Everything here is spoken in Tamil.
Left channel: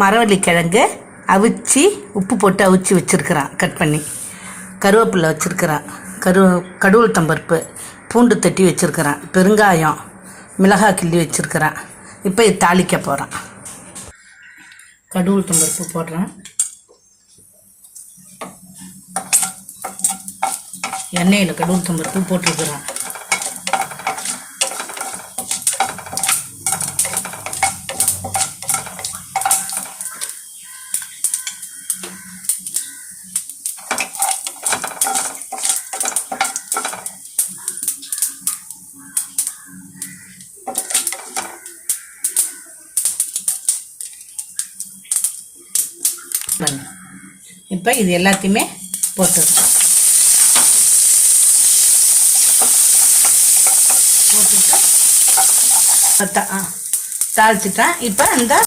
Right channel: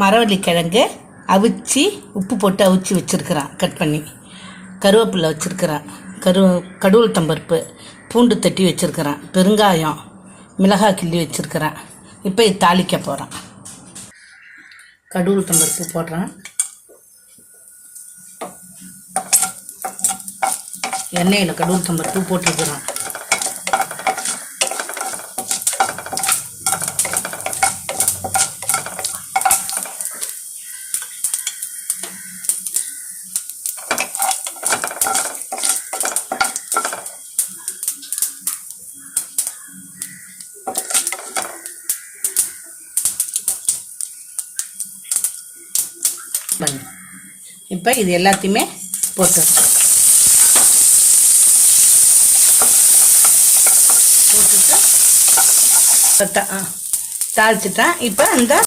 மரவள்ளி கிழங்கு அவிச்சு உப்பு போட்டு அவிச்சு வச்சுருக்கிறான், கட் பண்ணி. கருவேப்பிலை வச்சுருக்கிறான், கடுகுளுத்தம்பருப்பு, பூண்டு தட்டி வச்சுருக்கிறான், பெருங்காயம், மிளகாய் கிள்ளி வச்சுருக்கிறான். இப்போ இது தாளிக்க போகிறான். கடுகுளுத்தம்பருப்பு போடுறான், எண்ணெயில் கடுகுளுத்தம்பருப்பு போட்டிருக்கிறான். இப்போ இது எல்லாத்தையுமே போட்டுட்டு தாளிச்சுட்டேன். இப்போ இந்த